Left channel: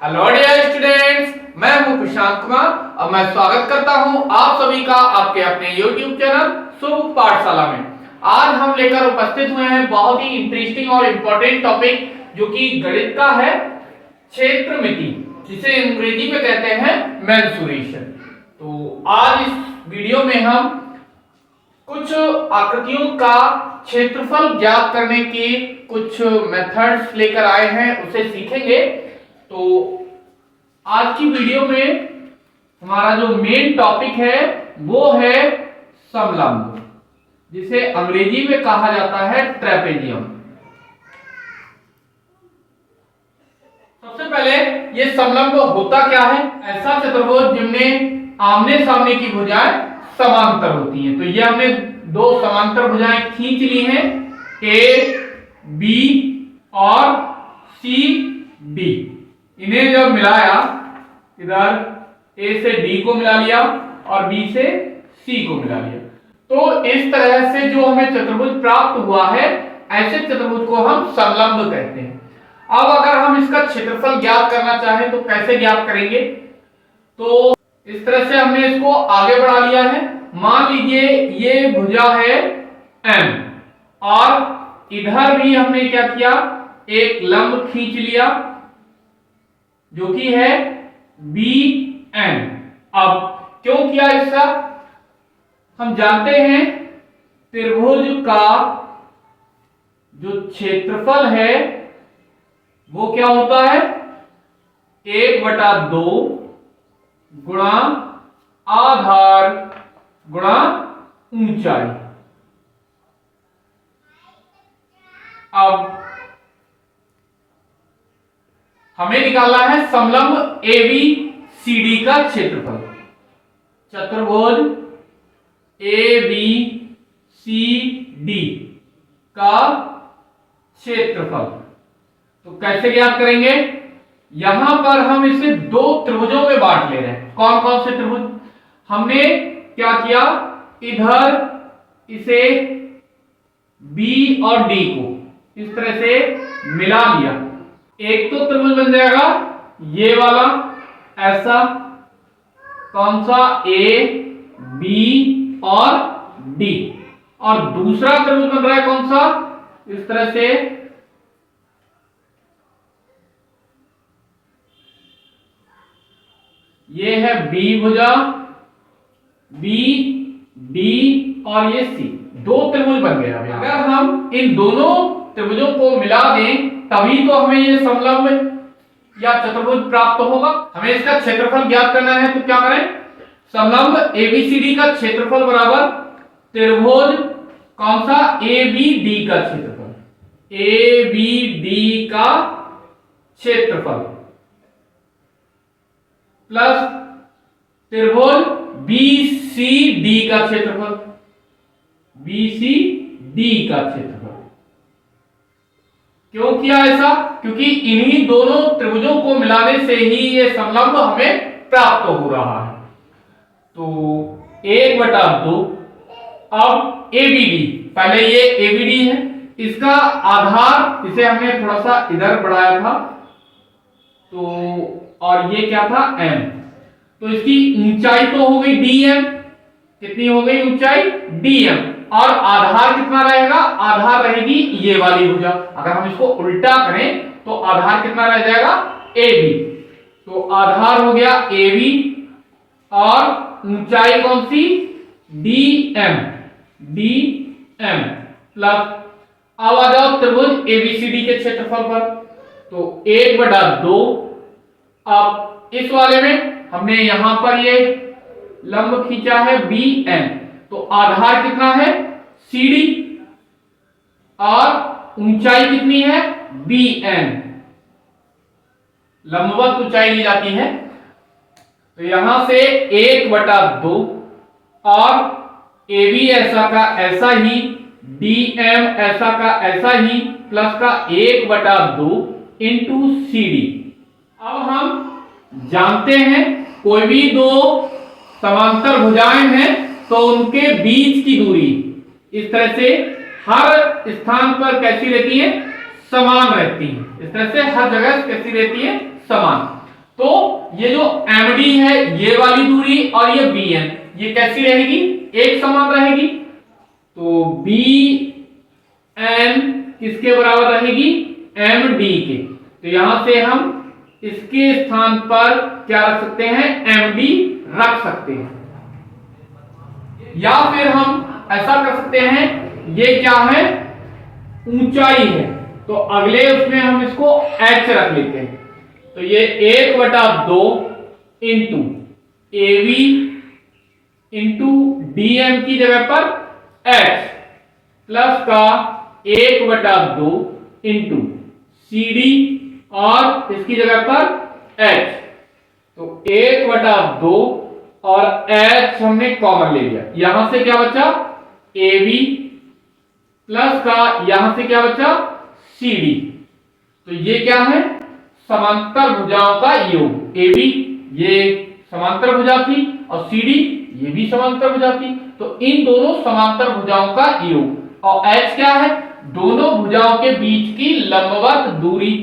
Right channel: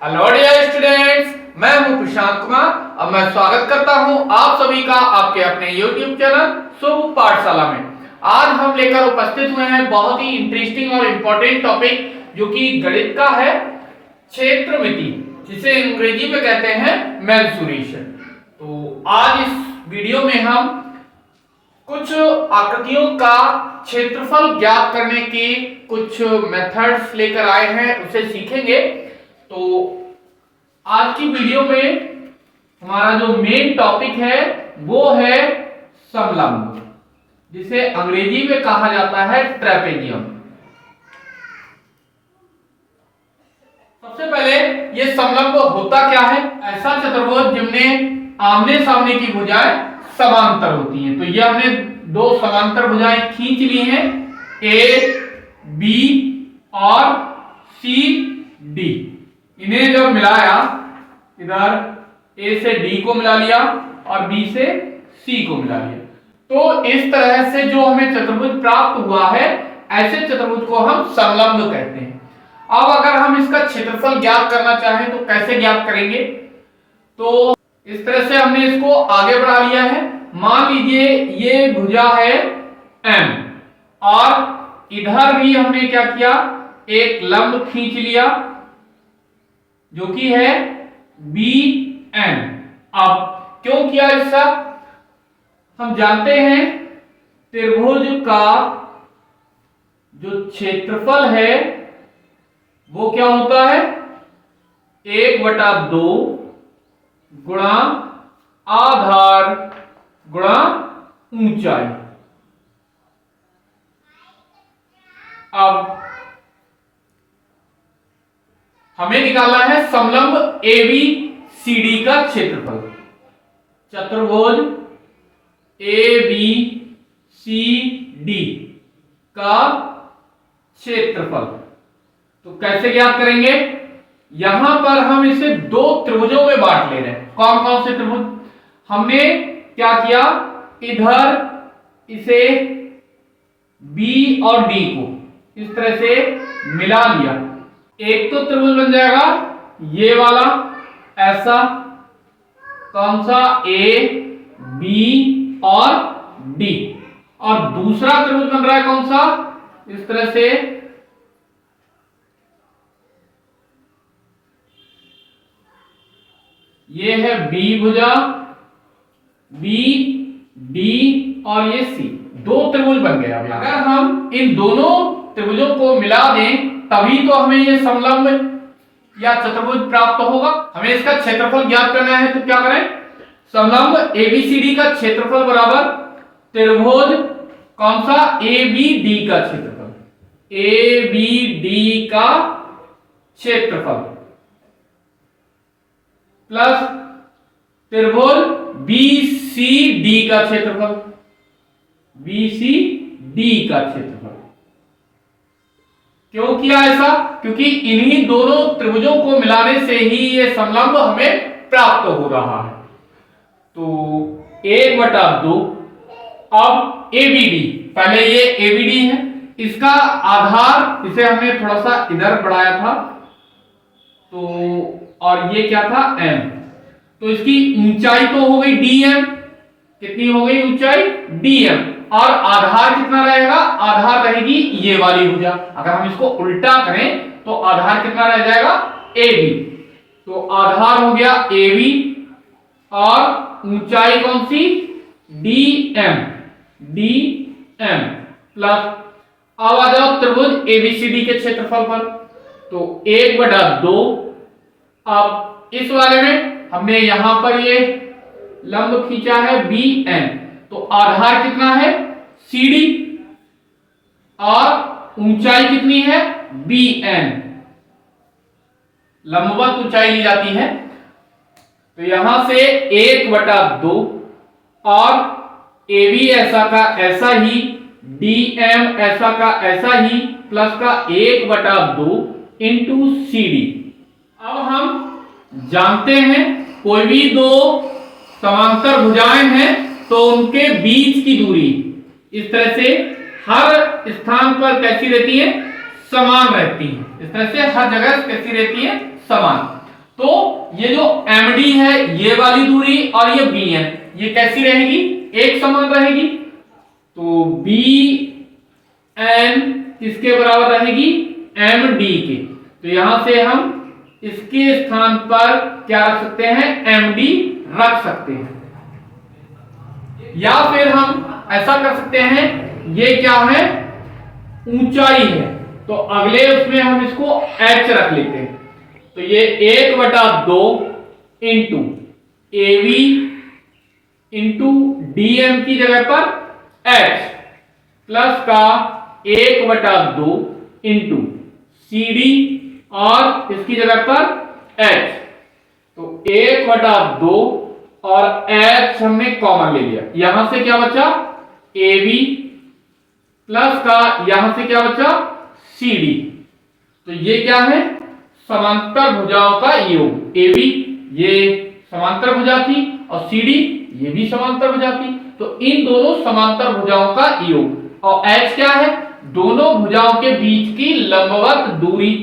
Hello dear students, मैं हूं प्रशांत कुमार और मैं स्वागत करता हूं आप सभी का आपके अपने YouTube चैनल शुभ पाठशाला में। आज हम लेकर उपस्थित हुए हैं बहुत ही इंटरेस्टिंग और इम्पोर्टेंट टॉपिक जो कि गणित का है, क्षेत्रमिति, जिसे अंग्रेजी में कहते हैं मेंसुरेशन। तो आज इस वीडियो में हम कुछ आकृतियों का क्षेत्रफल ज्ञात करने के कुछ मेथड्स लेकर आए हैं, उसे सीखेंगे। तो आज की वीडियो में हमारा जो मेन टॉपिक है वो है समलंब, जिसे अंग्रेजी में कहा जाता है ट्रेपेजियम। सबसे पहले ये समलंब होता क्या है? ऐसा चतुर्भुज जिनमें आमने सामने की भुजाएं समांतर होती हैं। तो ये हमने दो समांतर भुजाएं खींच ली हैं, ए बी और सी डी। इन्हें जब मिलाया, इधर ए से डी को मिला लिया और बी से सी को मिला लिया, तो इस तरह से जो हमें चतुर्भुज प्राप्त हुआ है, ऐसे चतुर्भुज को हम समलंब कहते हैं। अब अगर हम इसका क्षेत्रफल ज्ञात करना चाहें तो कैसे ज्ञात करेंगे? तो इस तरह से हमने इसको आगे बढ़ा लिया है। मान लीजिए ये भुजा है M और इधर भी हमने क्या किया, एक लंब खींच लिया जो कि है BN। अब क्यों किया ऐसा? हम जानते हैं त्रिभुज का जो क्षेत्रफल है वो क्या होता है, 1/2 गुणा आधार गुणा ऊंचाई। अब हमें निकालना है समलंब ABCD का क्षेत्रफल। चतुर्भुज ABCD का क्षेत्रफल तो कैसे ज्ञात करेंगे? यहां पर हम इसे दो त्रिभुजों में बांट ले रहे हैं। कौन कौन से त्रिभुज? हमने क्या किया, इधर इसे B और D को इस तरह से मिला लिया। एक तो त्रिभुज बन जाएगा ये वाला, ऐसा, कौन सा, A B और D। और दूसरा त्रिभुज बन रहा है कौन सा, इस तरह से, ये है B भुजा, B D और ये C। दो त्रिभुज बन गया। अगर हम इन दोनों त्रिभुजों को मिला दें तभी तो हमें ये समलंब या चतुर्भुज प्राप्त होगा। हमें इसका क्षेत्रफल ज्ञात करना है, तो क्या करें? समलंब ABCD का क्षेत्रफल बराबर त्रिभुज कौन सा, ABD का क्षेत्रफल, ABD का क्षेत्रफल प्लस त्रिभुज BCD का क्षेत्रफल, BCD का क्षेत्रफल। क्यों किया ऐसा? क्योंकि इन्हीं दोनों त्रिभुजों को मिलाने से ही ये समलंब हमें प्राप्त हो रहा है। तो 1/2, अब ABD, पहले ये ABD है, इसका आधार, इसे हमने थोड़ा सा इधर बढ़ाया था, तो और ये क्या था, M। तो इसकी ऊंचाई तो हो गई DM। कितनी हो गई ऊंचाई? DM। और आधार कितना रहेगा? आधार रहेगी ये वाली भुजा। अगर हम इसको उल्टा करें तो आधार कितना रह जाएगा, AB। तो आधार हो गया AB और ऊंचाई कौन सी, DM प्लस, अब आ जाओ त्रिभुज ABCD के क्षेत्रफल पर, तो 1/2। अब इस वाले में हमने यहां पर ये लंब खींचा है BN, तो आधार कितना है, CD, और ऊंचाई कितनी है, BN। लंबवत ऊंचाई ली जाती है। तो यहां से 1/2 और AB ऐसा का ऐसा ही, DM ऐसा का ऐसा ही, प्लस का 1/2 इंटू CD। अब हम जानते हैं कोई भी दो समांतर भुजाएं हैं तो उनके बीच की दूरी इस तरह से हर स्थान पर कैसी रहती है, समान रहती है। इस तरह से हर जगह कैसी रहती है, समान। तो ये जो MD है ये वाली दूरी और ये BN ये कैसी रहेगी, एक समान रहेगी। तो BN किसके बराबर रहेगी, MD के। तो यहां से हम इसके स्थान पर क्या रख सकते हैं, MD रख सकते हैं। या फिर हम ऐसा कर सकते हैं, ये क्या है, ऊंचाई है, तो अगले उसमें हम इसको H रख लेते हैं। तो ये 1/2 इंटू AV इंटू DM की जगह पर H प्लस का 1/2 इंटू CD और इसकी जगह पर H। तो 1/2 और H हमने कॉमन ले लिया, यहां से क्या बचा, AB प्लस का यहां से क्या बचा, CD। तो ये क्या है, समांतर भुजाओं का योग। AB ये समांतर भुजा थी और CD ये भी समांतर भुजा थी, तो इन दोनों समांतर भुजाओं का योग। और H क्या है, दोनों भुजाओं के बीच की लंबवत दूरी।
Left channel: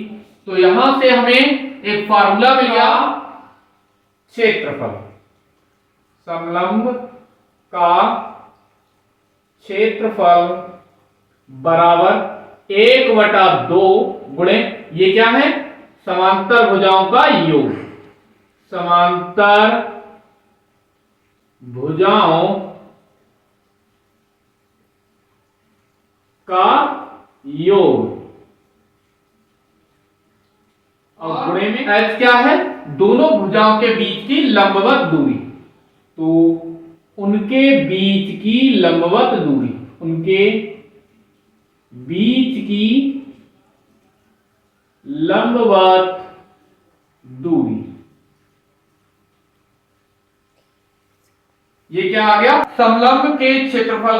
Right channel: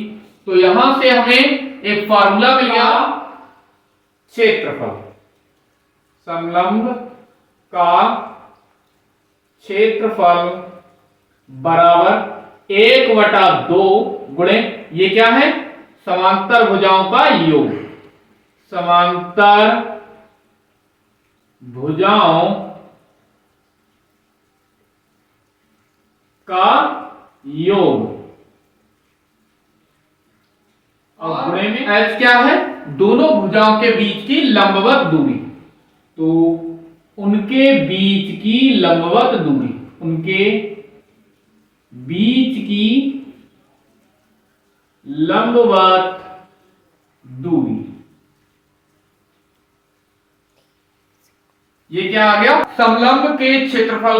तो यहां से हमें एक फार्मूला मिल गया, क्षेत्रफल, समलंब का क्षेत्रफल बराबर 1/2 गुणे ये क्या है, समांतर भुजाओं का योग। समांतर भुजाओं का योग और गुणे में H क्या है, दोनों भुजाओं के बीच की लंबवत दूरी। तो उनके बीच की लंबवत दूरी, उनके बीच की लंबवत दूरी, ये क्या आ गया, समलंब के क्षेत्रफल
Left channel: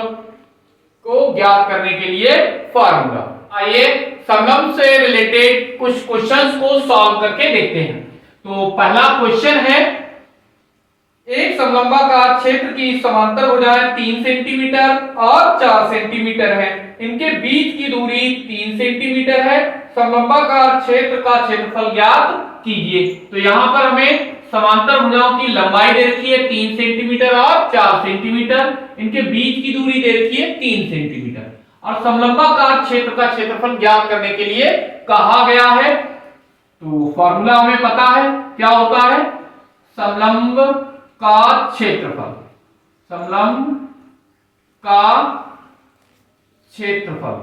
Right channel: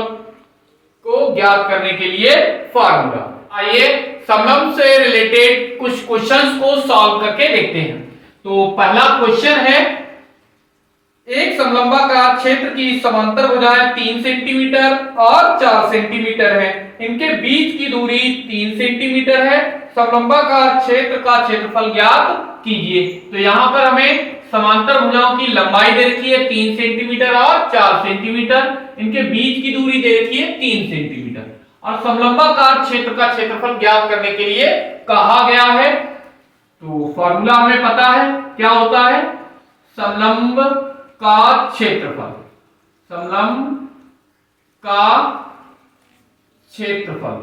को ज्ञात करने के लिए फार्मूला। आइए समलंब से रिलेटेड कुछ क्वेश्चंस को सॉल्व करके देखते हैं। तो पहला क्वेश्चन है, एक समलंबाकार क्षेत्र की समांतर भुजाएं 3 सेंटीमीटर और 4 सेंटीमीटर है, इनके बीच की दूरी 3 सेंटीमीटर है, समलंबाकार क्षेत्र का क्षेत्रफल ज्ञात कीजिए। तो यहां पर हमें समांतर भुजाओं की लंबाई दे रखी है 3 सेंटीमीटर और 4 सेंटीमीटर, इनके बीच की दूरी दे रखी है 3 सेंटीमीटर और समलंबाकार क्षेत्र का क्षेत्रफल ज्ञात करने के लिए कहा गया है। तो फॉर्मूला हमें पता है क्या होता है, समलंब का क्षेत्रफल, समलंब का क्षेत्रफल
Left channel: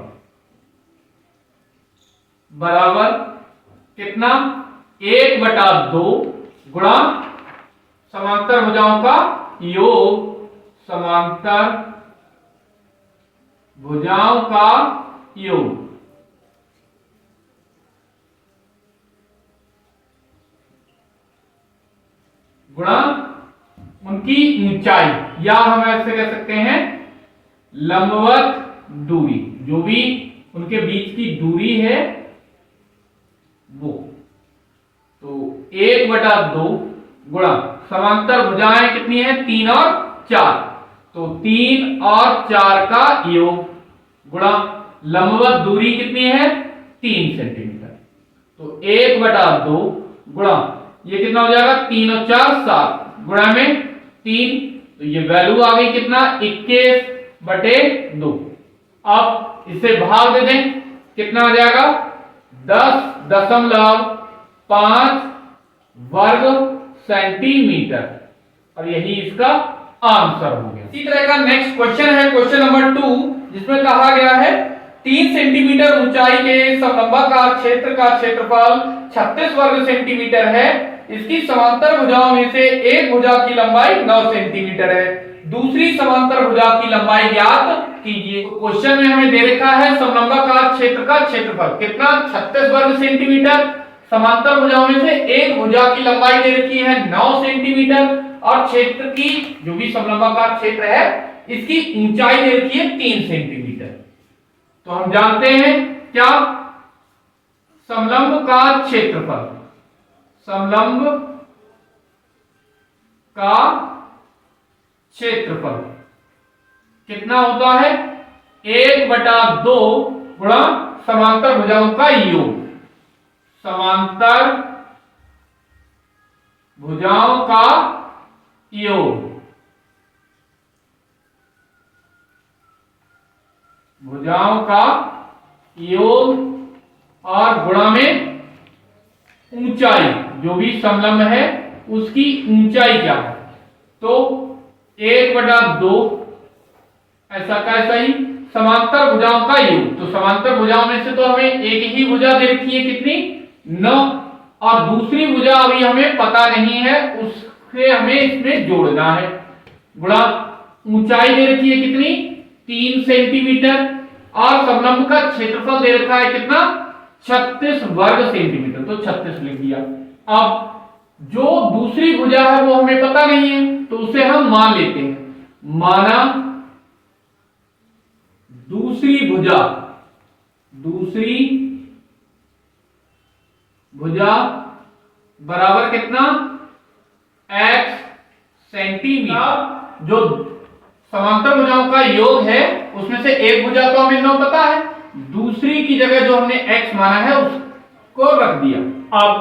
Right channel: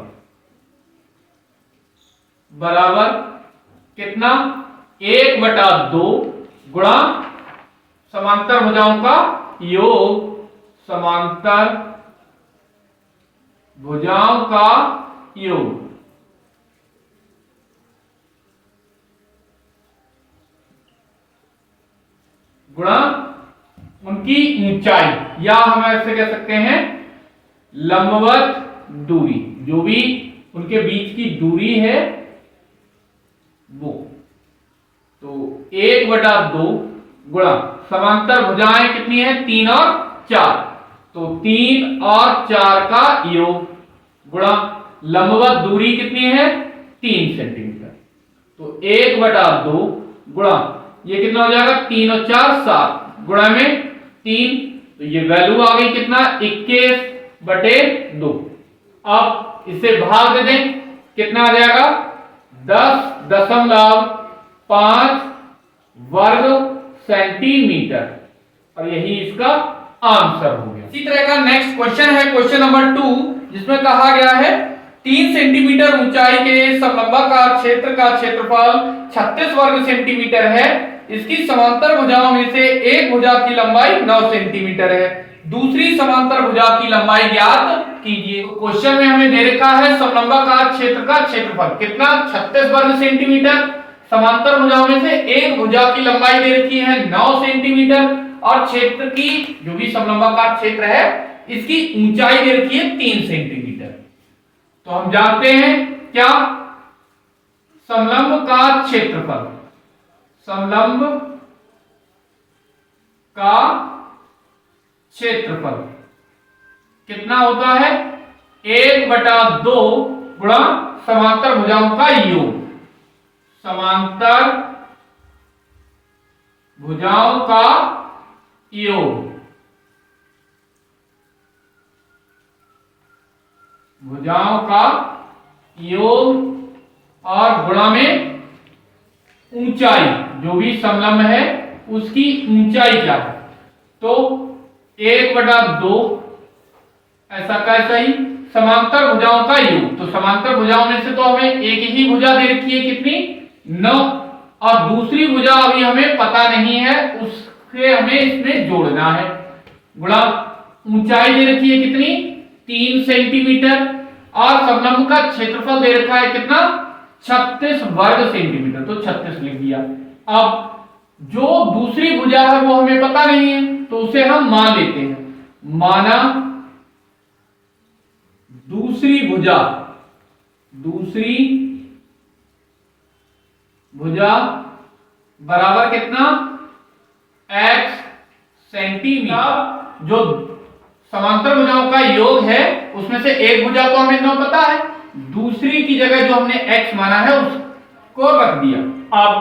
बराबर कितना, 1/2 गुणा समांतर भुजाओं का योग, समांतर भुजाओं का योग गुणा उनकी ऊंचाई, या हम ऐसे कह सकते हैं लंबवत दूरी, जो भी उनके बीच की दूरी है वो। तो 1/2 गुणा समांतर भुजाएं कितनी है, 3 और 4, तो 3 और 4 का योग गुणा लंबवत दूरी कितनी है, 3 सेंटीमीटर। तो 1/2 गुणा ये कितना हो जाएगा, 3 और 4 7 गुणा में 3, तो ये वैल्यू आ गई कितना, 21/2। अब इसे भाग दे दें, कितना आ जाएगा, 10.5 वर्ग सेंटीमीटर, और यही इसका आंसर हो गया। इसी तरह का नेक्स्ट क्वेश्चन है, क्वेश्चन नंबर 2, जिसमें कहा गया है 3 सेंटीमीटर ऊंचाई के समलंबाकार क्षेत्र का क्षेत्रफल 36 वर्ग सेंटीमीटर है, इसकी समांतर भुजाओं में से एक भुजा की लंबाई 9 सेंटीमीटर है, दूसरी समांतर भुजा की लंबाई ज्ञात कीजिए। क्वेश्चन में हमें दे रखा है समलंबाकार क्षेत्र का क्षेत्रफल कितना, 36 वर्ग सेंटीमीटर, समांतर भुजाओं में से एक भुजा की लंबाई दे रखी है 9 सेंटीमीटर, और क्षेत्र की जो भी समलंबाकार क्षेत्र है इसकी ऊंचाई दे रखी है 3 सेंटीमीटर। तो हम जानते हैं क्या, समलंब का क्षेत्रफल, समलंब का क्षेत्रफल कितना होता है, 1/2 गुणा समांतर भुजाओं का योग, समांतर भुजाओं का योग, भुजाओं का योग और गुणा में ऊंचाई, जो भी समलंब है उसकी ऊंचाई क्या है, तो 1/2 ऐसा का ऐसा ही समांतर भुजाओं का योग। तो समांतर भुजाओं में से तो हमें एक ही भुजा दे रखी है कितनी, 9, और दूसरी भुजा अभी हमें पता नहीं है, उससे हमें इसमें जोड़ना है। गुणा ऊंचाई दे रखी है कितनी, 3 सेंटीमीटर, और समलंब का क्षेत्रफल दे रखा है कितना, 36 वर्ग सेंटीमीटर, तो 36 लिख दिया। अब जो दूसरी भुजा है वो हमें पता नहीं है, तो उसे हम मान लेते हैं। माना दूसरी भुजा, दूसरी भुजा बराबर कितना, x सेंटीमीटर। जो समांतर भुजाओं का योग है उसमें से एक भुजा तो हमें 9 पता है, दूसरी की जगह जो हमने x माना है उसको रख दिया। अब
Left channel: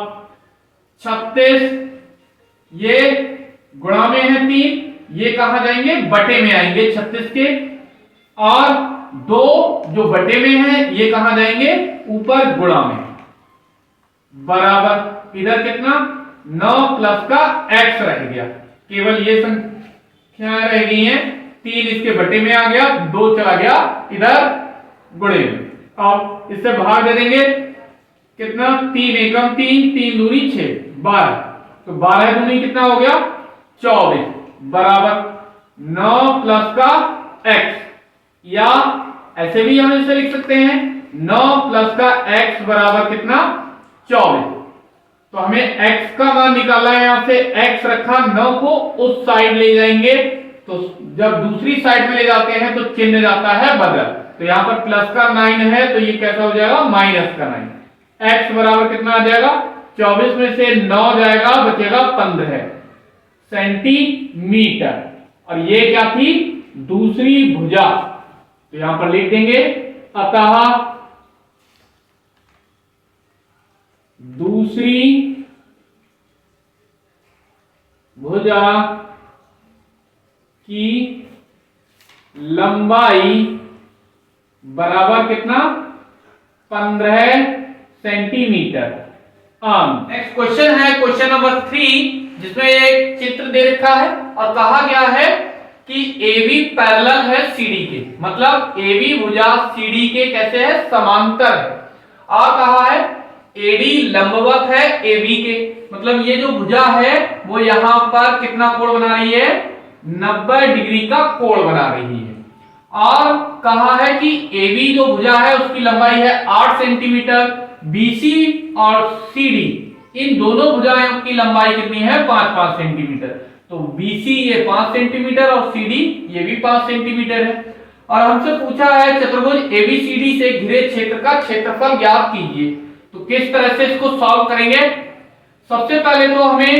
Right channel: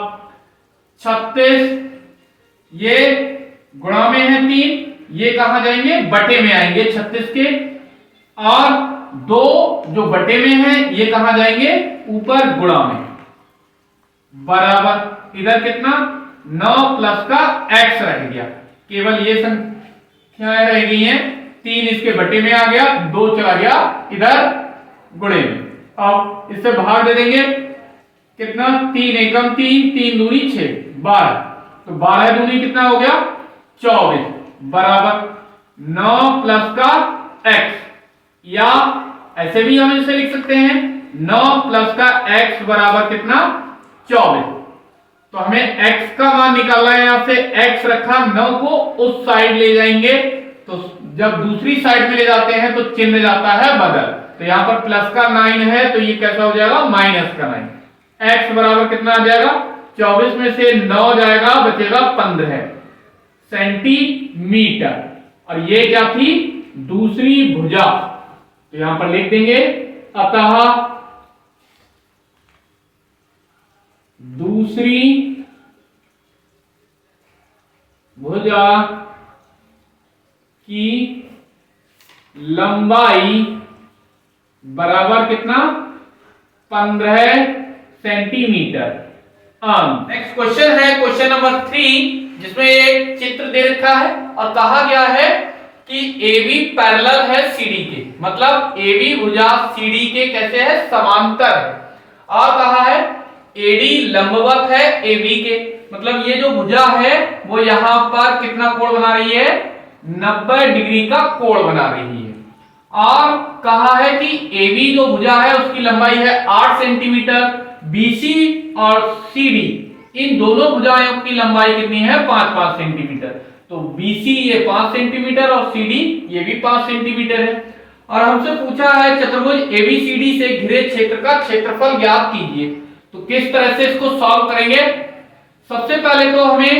36 ये गुणा में है 3, ये कहां जाएंगे, बटे में आएंगे 36 के, और 2 जो बटे में है ये कहां जाएंगे, ऊपर गुणा में, बराबर इधर कितना 9 प्लस का x रह गया, केवल ये संख्याएं रह गई हैं, 3 इसके बटे में आ गया, 2 चला गया इधर गुणे में। अब इससे भाग दे देंगे कितना, 3 एकम 3, 3 दूनी 6, 12, तो 12 दूनी कितना हो गया 24, बराबर 9 प्लस का x, या ऐसे भी हम इसे लिख सकते हैं 9 प्लस का x बराबर कितना 24। तो हमें x का मान निकालना है, यहां से x रखा, 9 को उस साइड ले जाएंगे, तो जब दूसरी साइड में ले जाते हैं तो चिन्ह जाता है बदल, तो यहां पर प्लस का 9 है तो ये कैसा हो जाएगा, माइनस का 9। x बराबर कितना आ जाएगा, 24 में से 9 जाएगा, बचेगा 15 सेंटीमीटर। और ये क्या थी, दूसरी भुजा, तो यहां पर लिख देंगे अतः दूसरी भुजा की लंबाई बराबर कितना, 15 सेंटीमीटर। नेक्स्ट क्वेश्चन है क्वेश्चन नंबर 3, जिसमें एक चित्र दे रखा है और कहा गया है कि AB पैरेलल है CD के, मतलब AB भुजा CD के कैसे है, समांतर है, और कहा है AD लंबवत है AB के, मतलब ये जो भुजा है वो यहां पर कितना कोण बना रही है, 90 डिग्री का कोण बना रही है। और कहा है कि AB जो भुजा है उसकी लंबाई है 8 सेंटीमीटर, BC और CD इन दोनों भुजाओं की लंबाई कितनी है, 5-5 सेंटीमीटर, तो BC ये 5 सेंटीमीटर और CD ये भी 5 सेंटीमीटर है। और हमसे पूछा है चतुर्भुज ABCD से घिरे क्षेत्र का क्षेत्रफल ज्ञात कीजिए, तो किस तरह से इसको सॉल्व करेंगे। सबसे पहले तो हमें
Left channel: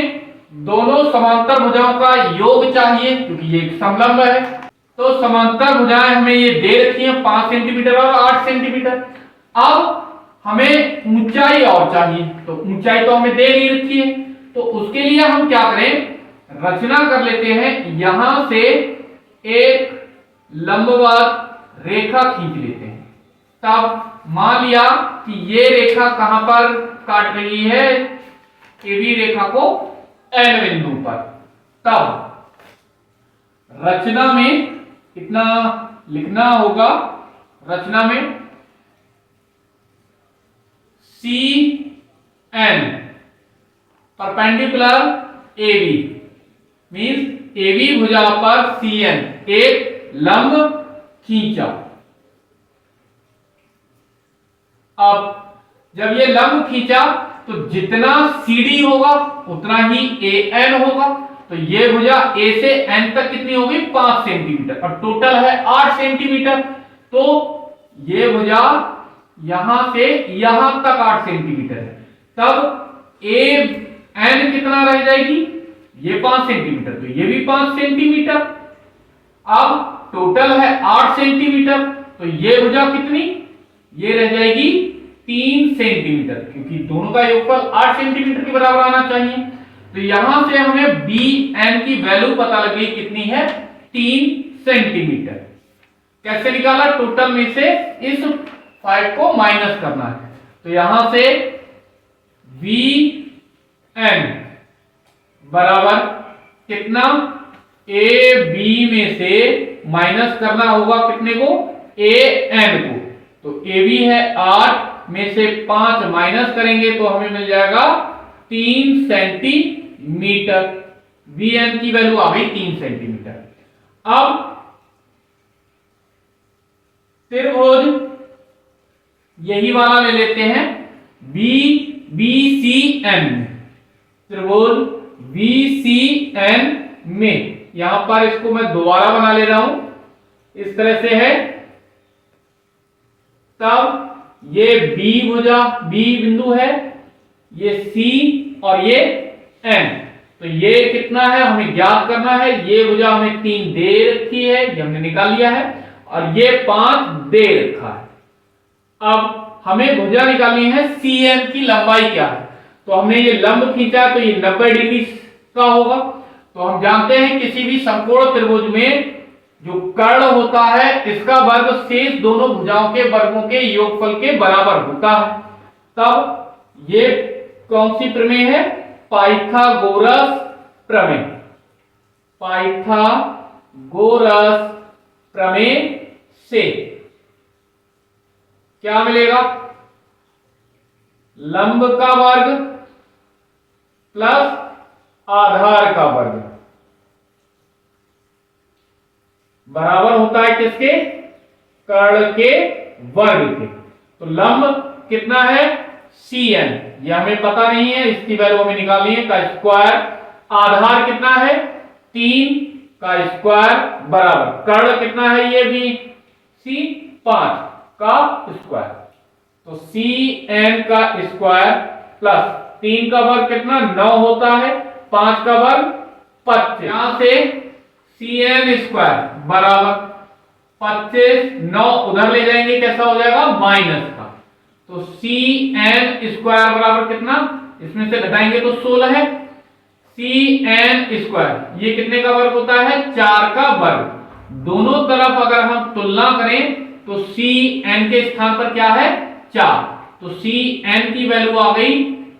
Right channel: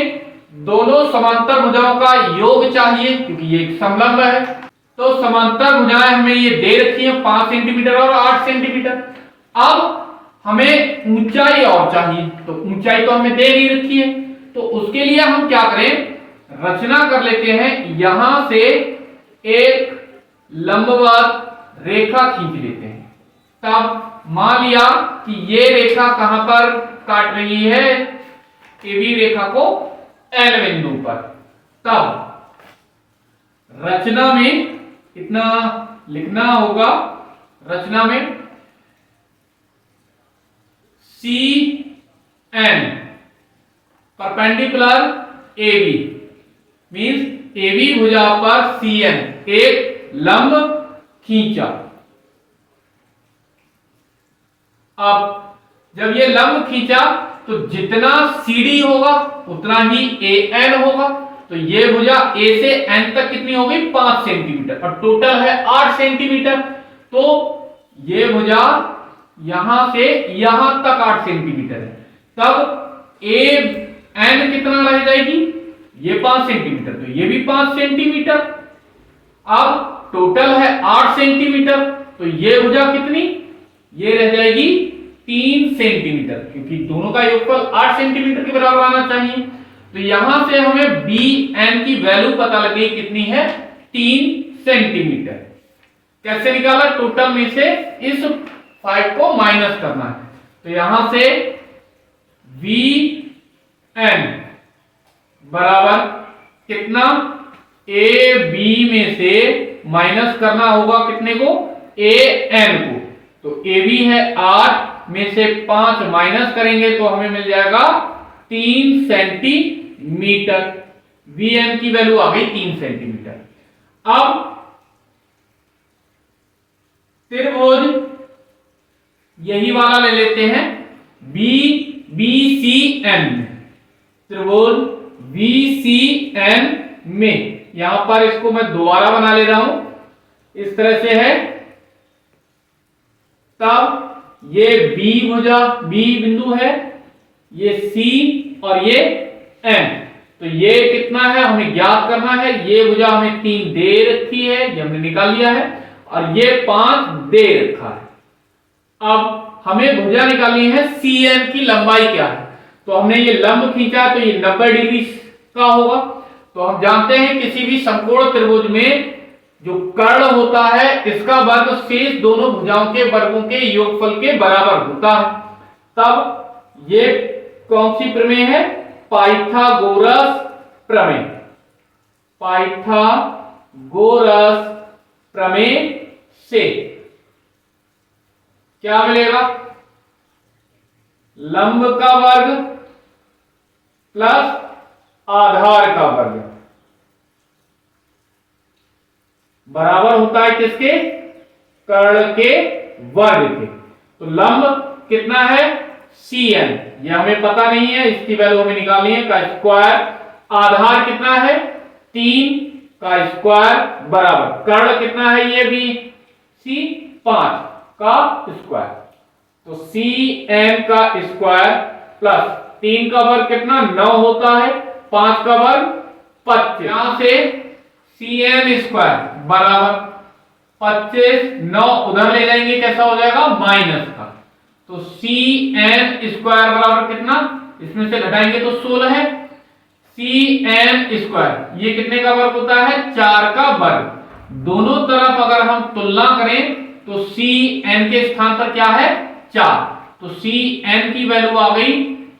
दोनों समांतर भुजाओं का योग चाहिए, क्योंकि ये एक समलंब है, तो समांतर भुजाएं हमें ये दे रखी है 5 सेंटीमीटर और 8 सेंटीमीटर। अब हमें ऊंचाई और चाहिए, तो ऊंचाई तो हमें दे नहीं रखी है, तो उसके लिए हम क्या करें, रचना कर लेते हैं, यहां से एक लंबवत रेखा खींच लेते हैं। तब मान लिया कि ये रेखा कहां पर काट रही है, AB रेखा को N बिंदु पर, तब रचना में कितना लिखना होगा, रचना में CN perpendicular AB means AB भुजा पर CN एक लंब खींचा। अब जब ये लंब खींचा तो जितना CD होगा उतना ही AN होगा, तो ये भुजा A से N तक कितनी होगी, 5 सेंटीमीटर, और टोटल है 8 सेंटीमीटर, तो ये भुजा यहां से यहां तक 8 सेंटीमीटर है, तब AN कितना रह जाएगी, ये 5 सेंटीमीटर, तो ये भी 5 सेंटीमीटर। अब टोटल है 8 सेंटीमीटर, तो ये भुजा कितनी, ये रह जाएगी 3 सेंटीमीटर, क्योंकि दोनों का योगफल 8 सेंटीमीटर के बराबर आना चाहिए। तो यहां से हमें बी एन की वैल्यू पता लगी कितनी है, 3 सेंटीमीटर। कैसे निकाला, टोटल में से इस 5 को माइनस करना है। तो यहां से वी एन बराबर कितना, ए बी में से माइनस करना होगा कितने को, ए एन को। तो ए बी है 8 में से 5 माइनस करेंगे तो हमें मिल जाएगा 3 सेंटीमीटर। वी एन की वैल्यू आ गई 3 सेंटीमीटर। अब त्रिभुज यही वाला ले लेते हैं, बी बी सी एन, त्रिभुज बी सी एन में यहां पर इसको मैं दोबारा बना ले रहा हूं, इस तरह से है। तब ये बी भुजा, बी बिंदु है, ये सी और ये एन। तो ये कितना है हमें ज्ञात करना है। ये भुजा हमें 3 दे रखी है, ये हमने निकाल लिया है, और ये 5 दे रखा है। अब हमें भुजा निकालनी है सी एन की लंबाई क्या है। तो हमने ये लंब खींचा तो ये 90 डिग्री का होगा। तो हम जानते हैं किसी भी समकोण त्रिभुज में जो कर्ण होता है इसका वर्ग शेष दोनों भुजाओं के वर्गों के योगफल के बराबर होता है। तब ये कौन सी प्रमेय है, पाइथागोरस प्रमेय। पाइथागोरस प्रमेय से क्या मिलेगा, लंब का वर्ग प्लस आधार का वर्ग बराबर होता है किसके, कर्ण के वर्ग के। तो लंब कितना है, सी एन, ये हमें पता नहीं है, इसकी वैल्यू हमें निकालनी है, का स्क्वायर। आधार कितना है, 3 का स्क्वायर बराबर कर्ण कितना है, ये भी सी 5 का स्क्वायर। तो सी एन का स्क्वायर प्लस 3 का वर्ग कितना 9 होता है, 5 का वर्ग 25। यहां से सी एन स्क्वायर बराबर 25, 9 उधर ले जाएंगे कैसा हो जाएगा माइनस का। तो सी एन स्क्वायर बराबर कितना, इसमें से घटाएंगे तो 16 है। सी एन स्क्वायर ये कितने का वर्ग होता है, 4 का वर्ग। दोनों तरफ अगर हम तुलना करें तो सी एन के स्थान पर क्या है 4, तो सी एन की वैल्यू आ गई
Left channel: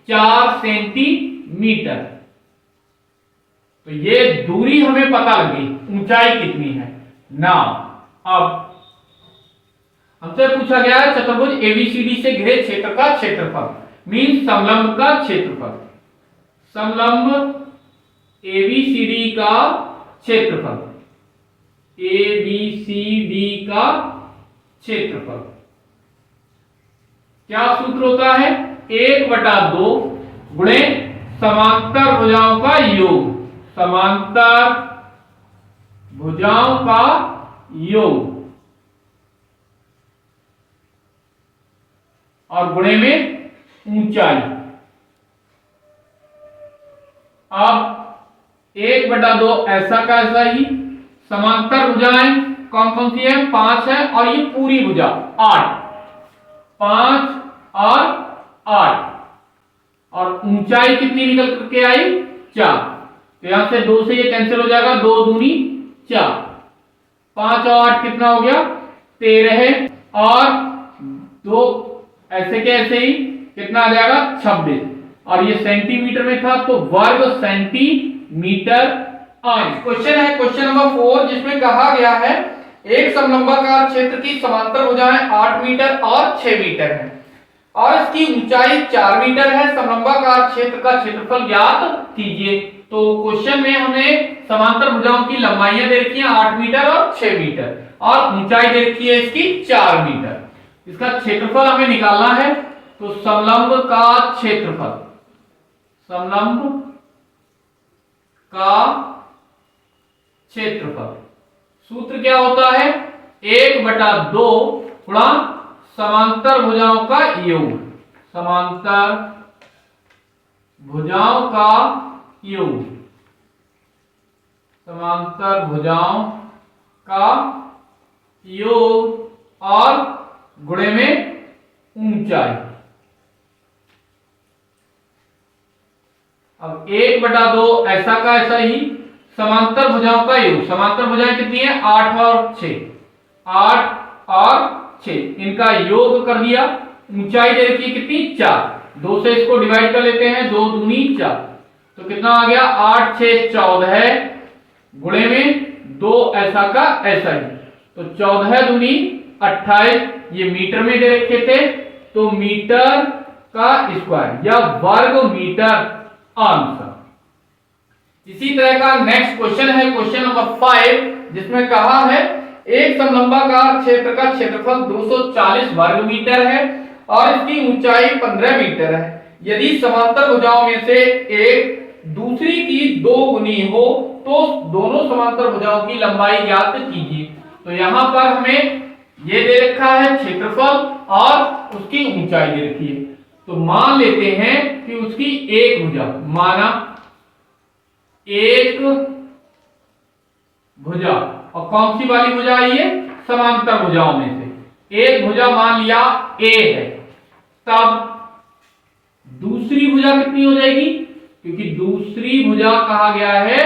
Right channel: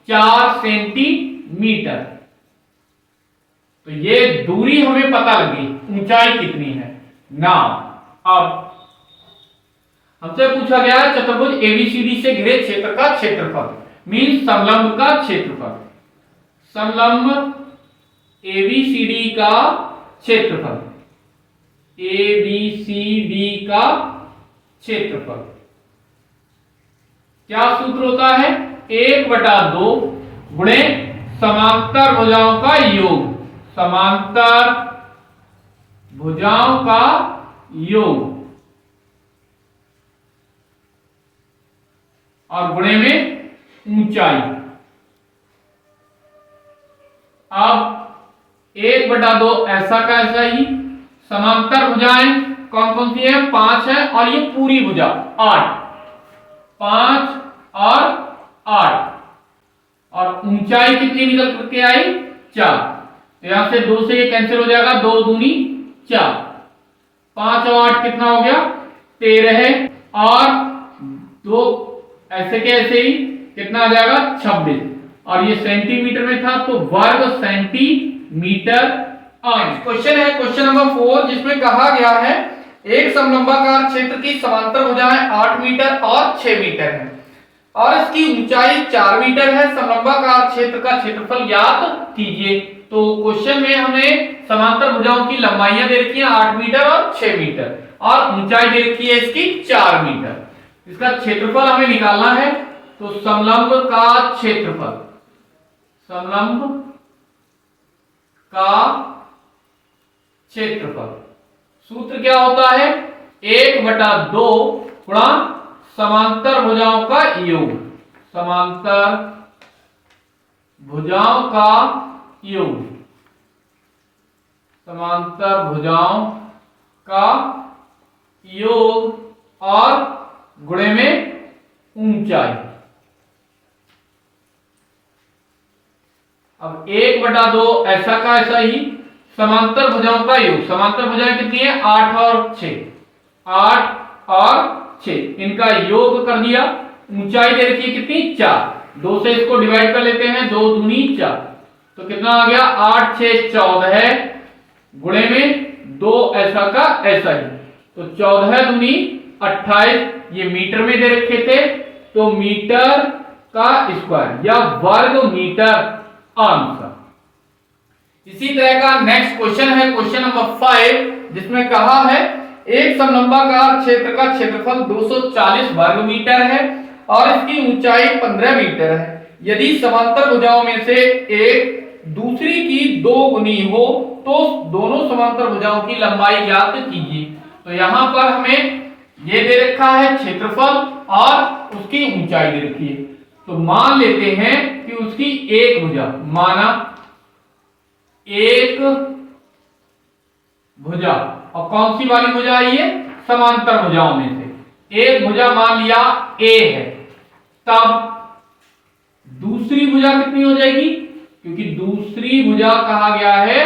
4 सेंटीमीटर। तो ये दूरी हमें पता लगी, ऊंचाई कितनी है ना। अब हमसे पूछा गया है चतुर्भुज एबीसीडी से घिरे क्षेत्र का क्षेत्रफल, मीन समलंब का क्षेत्रफल। समलंब एबीसीडी का क्षेत्रफल, एबीसीडी का क्षेत्रफल क्या सूत्र होता है, 1/2 गुणे समांतर भुजाओं का योग, समांतर भुजाओं का योग और गुणे में ऊंचाई। अब 1/2 ऐसा का ऐसा ही, समांतर भुजाएं कौन कौन सी है, 5 है, और ये पूरी भुजा 8, 5 और 8, और ऊंचाई कितनी निकल करके आई 4। तो यहां से 2 से ये कैंसिल हो जाएगा, 2 दूनी 4, 5 और 8 कितना हो गया 13 है, और 2 ऐसे के ऐसे ही कितना आ जाएगा 26, और ये सेंटीमीटर में था तो वर्ग सेंटीमीटर आए। क्वेश्चन है क्वेश्चन नंबर 4, जिसमें कहा गया है एक समलंबाकार क्षेत्र की समांतर भुजाएं 8 मीटर और 6 मीटर है और इसकी ऊंचाई 4 मीटर है। समलंबाकार क्षेत्र का क्षेत्रफल ज्ञात कीजिए। तो क्वेश्चन में हमें समांतर भुजाओं की लंबाइयां दे रखी हैं 8 मीटर और 6 मीटर, और ऊंचाई दे रखी है इसकी 4 मीटर। इसका क्षेत्रफल हमें निकालना है। तो समलंब का क्षेत्रफल, समलंब का क्षेत्रफल सूत्र क्या होता है, 1/2 गुणा समांतर भुजाओं का योग, समांतर भुजाओं का योग, समांतर भुजाओं का योग और गुणे में ऊंचाई। अब 1/2 ऐसा का ऐसा ही समांतर भुजाओं का योग। समांतर भुजाएं कितनी है? 8 और 6, 8 और 6, इनका योग कर दिया। ऊंचाई दे रखी है कितनी? 4। 2 से इसको डिवाइड कर लेते हैं, 2 दूनी 4, तो कितना आ गया? 8 6 14 है, गुणे में 2 ऐसा का ऐसा ही, तो 14 दूनी 28। ये मीटर में दे रखे थे, तो मीटर का स्क्वायर या वर्ग मीटर आंसर। इसी तरह का नेक्स्ट क्वेश्चन है क्वेश्चन नंबर 5, जिसमें कहा है एक समलंबाकार क्षेत्र का क्षेत्रफल 240 वर्ग मीटर है और इसकी ऊंचाई 15 मीटर है। यदि समांतर भुजाओं में से एक दूसरी की 2 गुनी हो तो दोनों समांतर भुजाओं की लंबाई ज्ञात कीजिए। तो यहां पर हमें ये दे रखा है क्षेत्रफल और उसकी ऊंचाई दे रखी है। तो मान लेते हैं कि उसकी एक भुजा, माना एक भुजा, और कौन सी वाली भुजा आई है? समांतर भुजाओं में से एक भुजा मान लिया ए है, तब दूसरी भुजा कितनी हो जाएगी? क्योंकि दूसरी भुजा कहा गया है,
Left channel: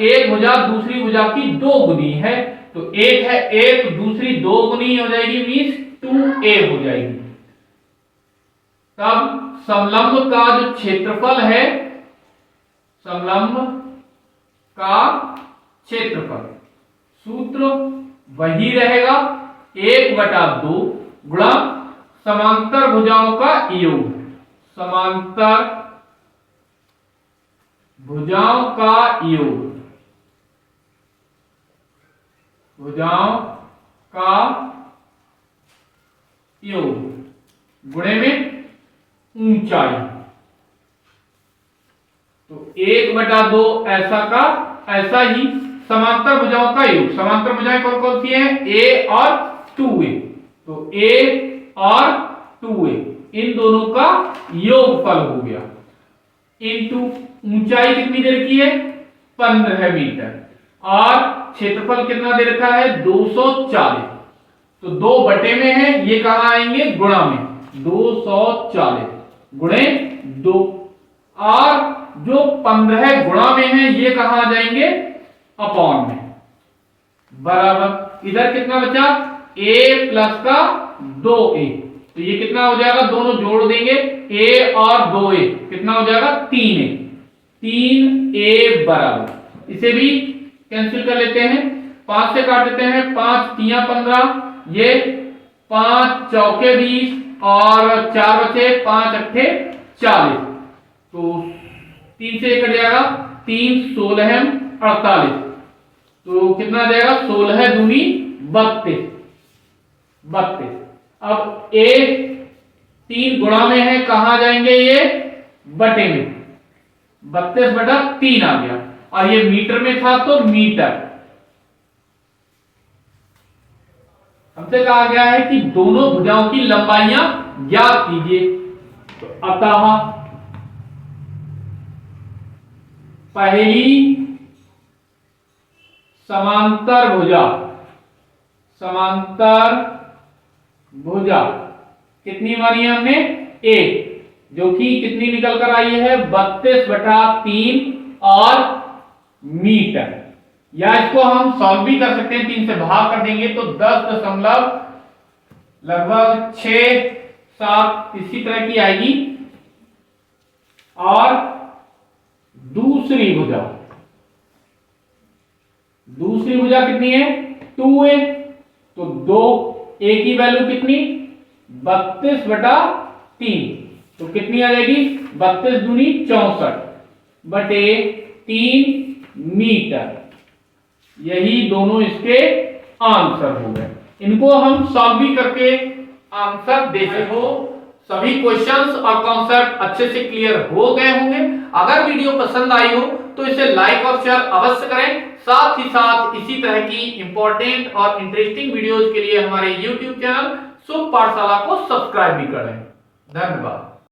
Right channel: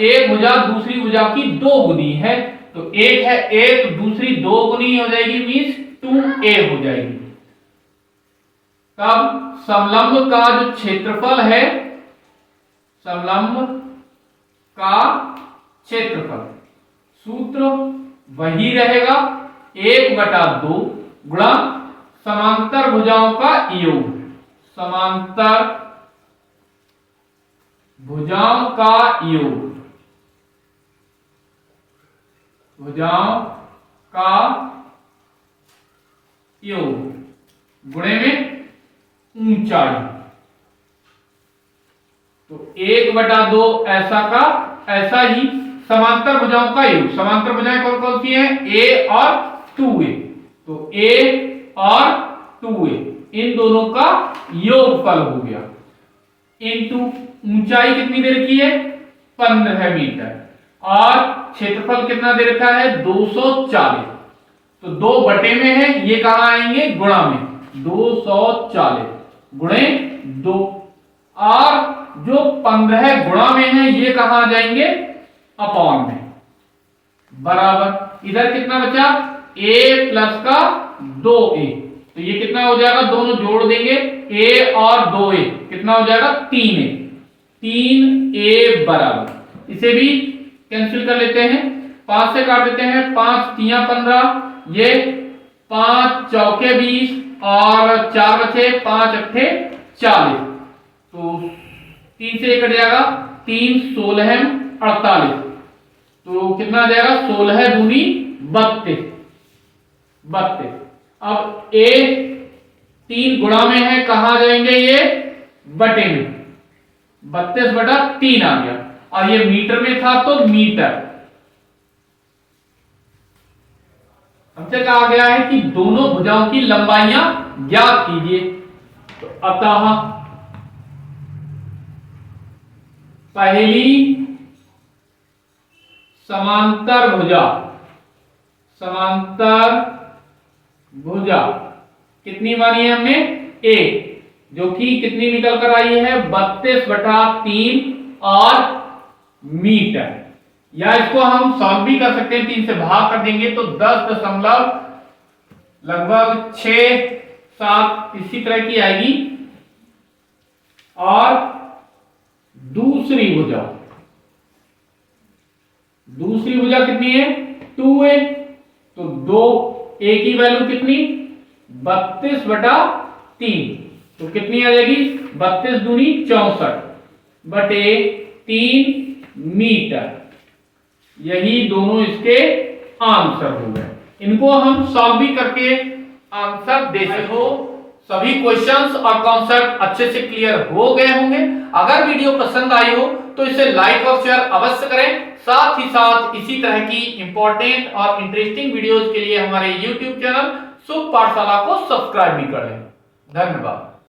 एक भुजा दूसरी भुजा की 2 गुनी है, तो एक है ए, तो दूसरी 2 गुनी हो जाएगी, मींस 2a हो जाएगी। तब समलंब का जो क्षेत्रफल है, समलंब का क्षेत्रफल, सूत्र वही रहेगा 1/2 गुणा समांतर भुजाओं का योग। समांतर भुजाओं का योग, भुजाओं का योग गुणे में ऊंचाई, तो 1/2 ऐसा का ऐसा ही समांतर भुजाओं का योग। समांतर भुजाएं कौन कौन सी हैं? ए और 2a, तो a और 2a इन दोनों का योगफल हो गया, इनटू ऊंचाई कितनी दे रखी है? 15 मीटर, और क्षेत्रफल कितना दे रखा है? 240, तो 2 बटे में है, ये कहां आएंगे? गुणा में, 240 गुणे 2, और जो 15 गुणा में है ये कहां आ जाएंगे? अपॉन में, बराबर इधर कितना बचा? a प्लस का 2a, तो ये कितना हो जाएगा? दोनों जोड़ देंगे, a और 2a कितना हो जाएगा? 3a, 3a बराबर, इसे भी कैंसिल कर लेते हैं, 5 से काट देते हैं, 5 3 15, ये 5 चौके 20 और 4 बचे, 5 अट्ठे 40, तो 3 से कट जाएगा, 3 16 48, तो कितना जाएगा? 16 दूनी 32, 32। अब a 3 गुणा में है, कहां जाएंगे? ये बटे में, 32/3 आ गया, और ये मीटर में था तो मीटर। हमसे कहा गया है कि दोनों भुजाओं की लंबाइयां ज्ञात कीजिए, तो अतः पहली समांतर भुजा, समांतर भुजा कितनी मानी है हमने? a, जो कि कितनी निकल कर आई है? 32/3 और मीटर। या इसको हम सॉल्व भी कर सकते हैं, 3 से भाग कर देंगे तो 10 लगभग 6 7 इसी तरह की आएगी। और दूसरी भुजा, दूसरी भुजा कितनी है? 2a, तो 2a की वैल्यू कितनी? 32/3, तो कितनी आ जाएगी? 32 दूनी 64 बटे 3 मीटर। यही दोनों इसके आंसर हो गए। इनको हम सॉल्व भी करके आंसर दे सकते हो। सभी क्वेश्चंस और कॉन्सेप्ट अच्छे से क्लियर हो गए होंगे। अगर वीडियो पसंद आई हो तो इसे लाइक और शेयर अवश्य करें। साथ ही साथ इसी तरह की इंपॉर्टेंट और इंटरेस्टिंग वीडियोस के लिए हमारे YouTube चैनल शुभ पाठशाला को सब्सक्राइब भी करें। धन्यवाद।